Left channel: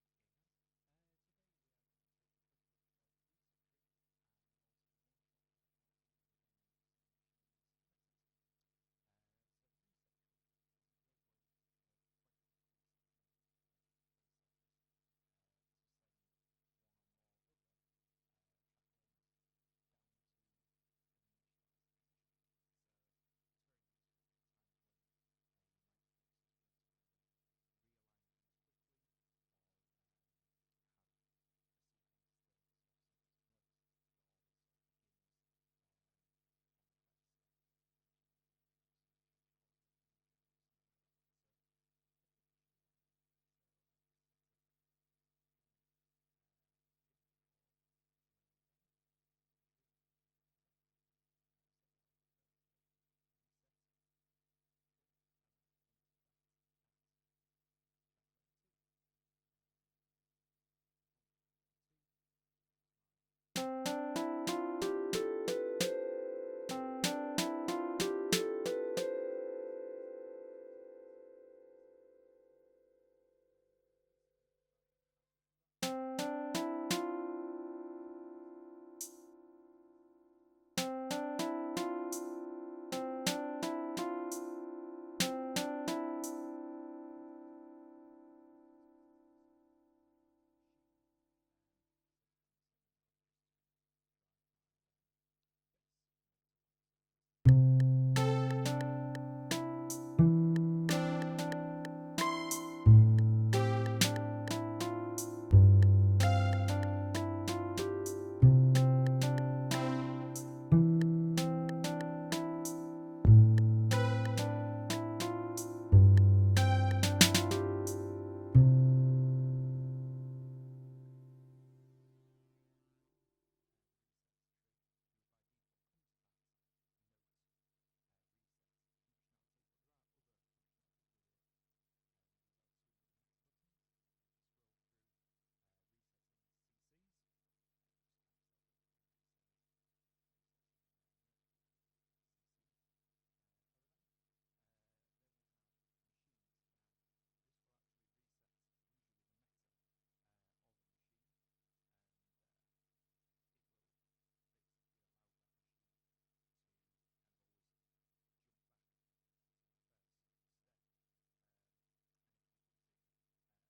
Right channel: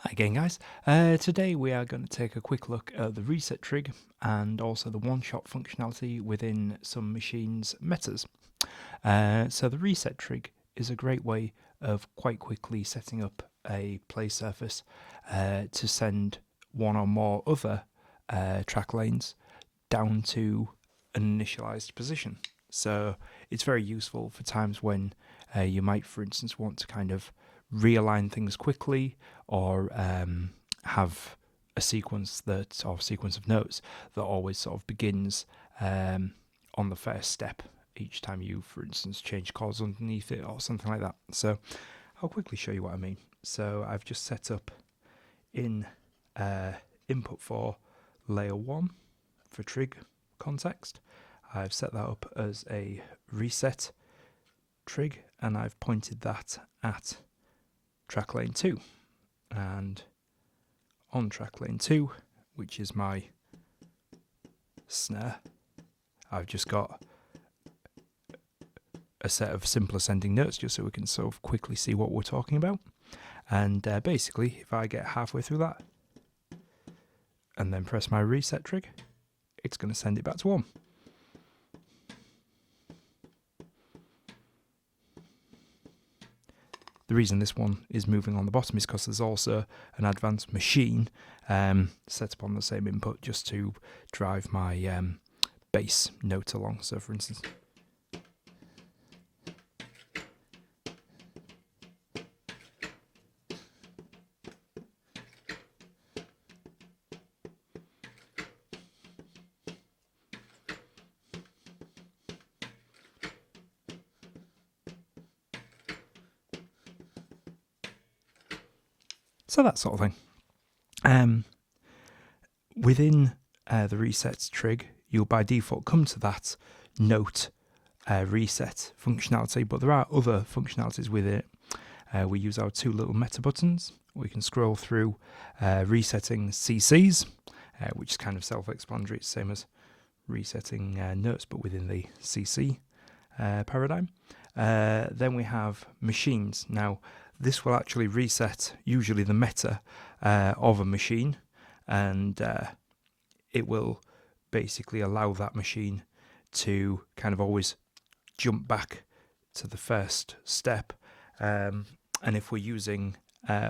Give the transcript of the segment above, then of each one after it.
Hi again, guys. Today we are going to take a quick look at the Reset Trig and also the one-shot functionality within some machines' metas. So the Reset Trig is a great way of quite quickly setting up a play surface to send one or more other track lanes down to an initialized position. So it's very useful for times when you might, for instance, want to kind of realign things quickly or have a sequence of notes that always sort of begins on the first step each time you, for instance, change chords underneath it or something like that. So I'll quickly show you what I mean. So I've just set up in input for layer 1 for trig context. I've set that up as a reset trig and I've pointed that at track lane 2, and on track lane 2, which is my snare, I've just got a set of simple ascending notes just so we can sort of quickly see what we're talking about. And basically, if I get halfway through that and then press my reset trig, it's going to send it back to 1. The reason this one is moving on the bottom is because there's also an advanced machine set up on the same input just to drive my bass note along. So for instance, so that sort of thing. Within the reset trig, you'll by default come to that note reset functionality, but there are other functionalities with it. We use our two little meta buttons. We can scroll through resetting CCs, which is kind of self-explanatory. It's the same as resetting notes, but within the CC paradigm. Then we have machines. Now, this will actually reset usually the meta of a machine, and it will basically allow that machine to kind of always jump back to the first step. And if we're using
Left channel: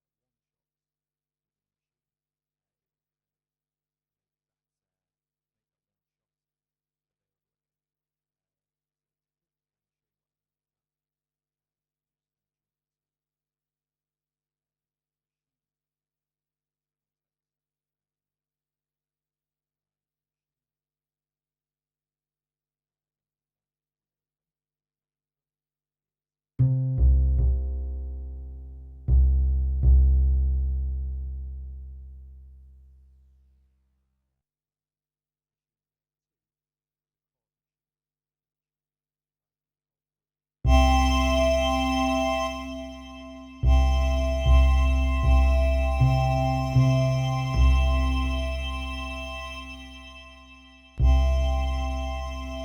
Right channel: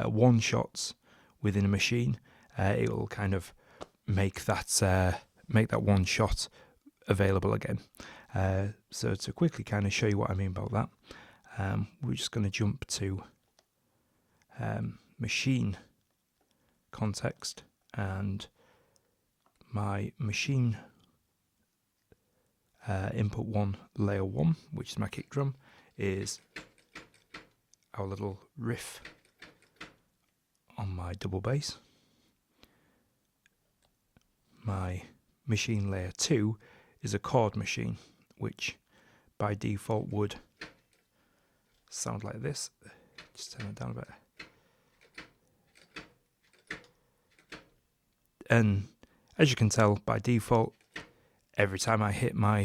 one shots within a machine, it will kind of make that one shot available again. So to quickly kind of show you what I mean about that, we're just going to jump to machine context, and my machine input 1 layer 1, which is my kick drum, is our little riff on my double bass. My machine layer 2 is a chord machine, which by default would sound like this. Just turn it down there. And as you can tell, by default, every time I hit my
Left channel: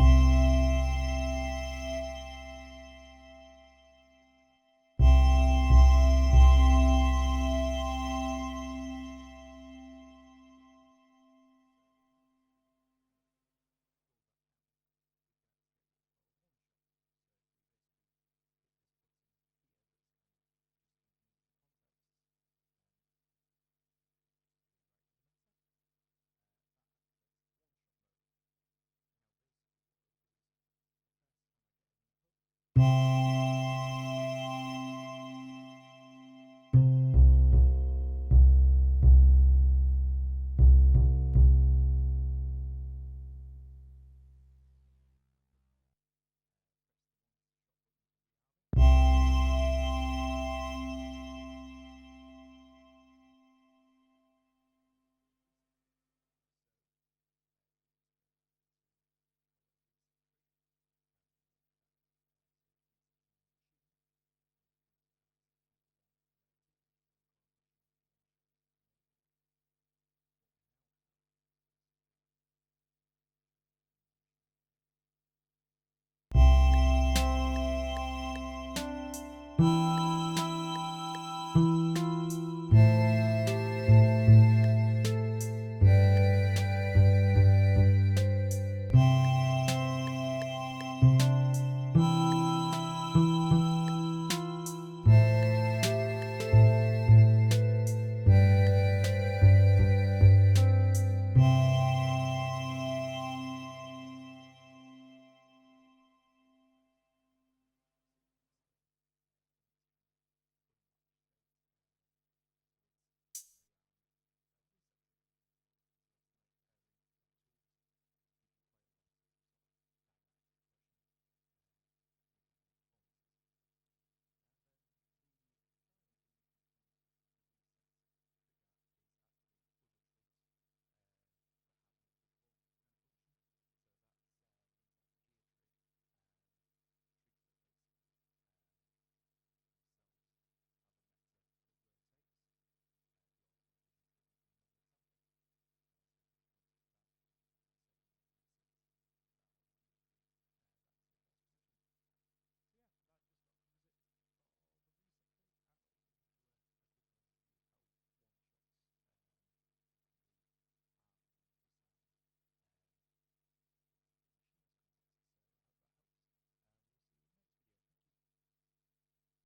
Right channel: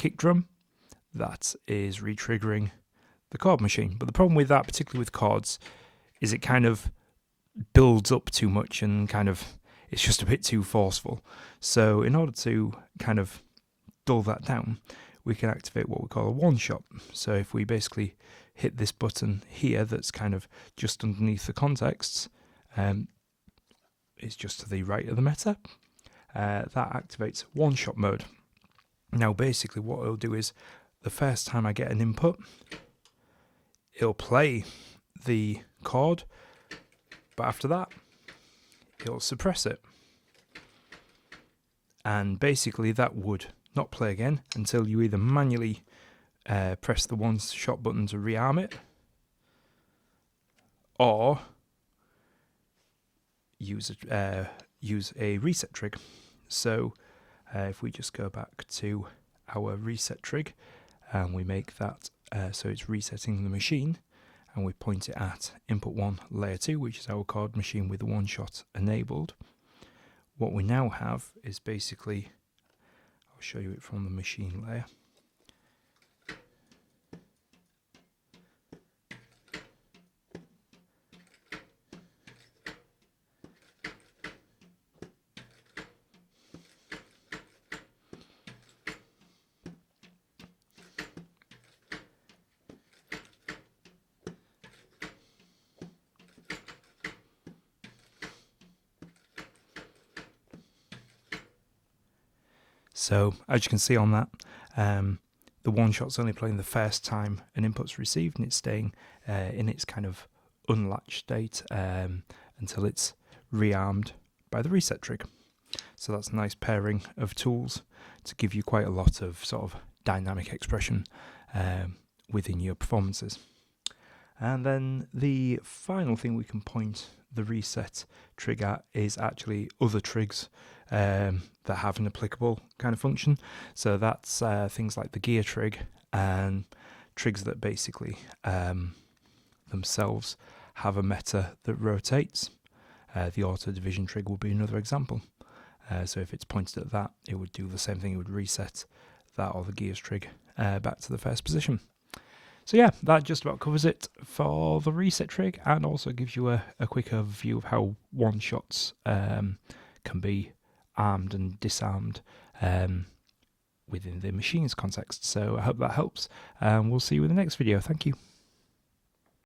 kick drum, that is re-triggering the chord machine. But the problem with that, particularly with chords, is it kind of builds up too much and kind of it's just a bit too forceful. So in order to kind of dull that down, we can activate what we call a one-shot. So if we basically hit this button here that's kind of just underneath the contexts, it's just to the right of the meta, that activates one-shot mode. Now basically what it'll do is the first time I get an input, it'll play the chord, but after that it'll suppress it, and basically that would not play again until you either manually press the one shot button to rearm it, or use a reset trig. So if we just go back to our reset trig and we make that so it's resetting the machine, and we point it at input 1 layer 2, which is our chord machine with the one shot enabled, what we now have is basically, I'll show you it from the machine layer. So as you can see on that, the one shot's only playing the first time an input's received, and it's staying in its kind of unlatched state until it's rearmed by the reset trig. So that's a nice pairing of tools to give you quite a lot of sort of dynamic expression within your performances. And then the final thing we can point the reset trig at is actually other trigs that have an applicable kind of function. So that's things like the gear trig and trigs that basically themselves have a meta that rotates. The auto division trig would be another example. So if it's pointed at that, it would do the same thing. It would reset that or the gears trig back to the first position. So yeah, that just about covers it for the reset trig, and also gives you a quick overview of how one-shots can be armed and disarmed within the machine's context. So I hope that helps, and we'll see you in the next video. Thank you.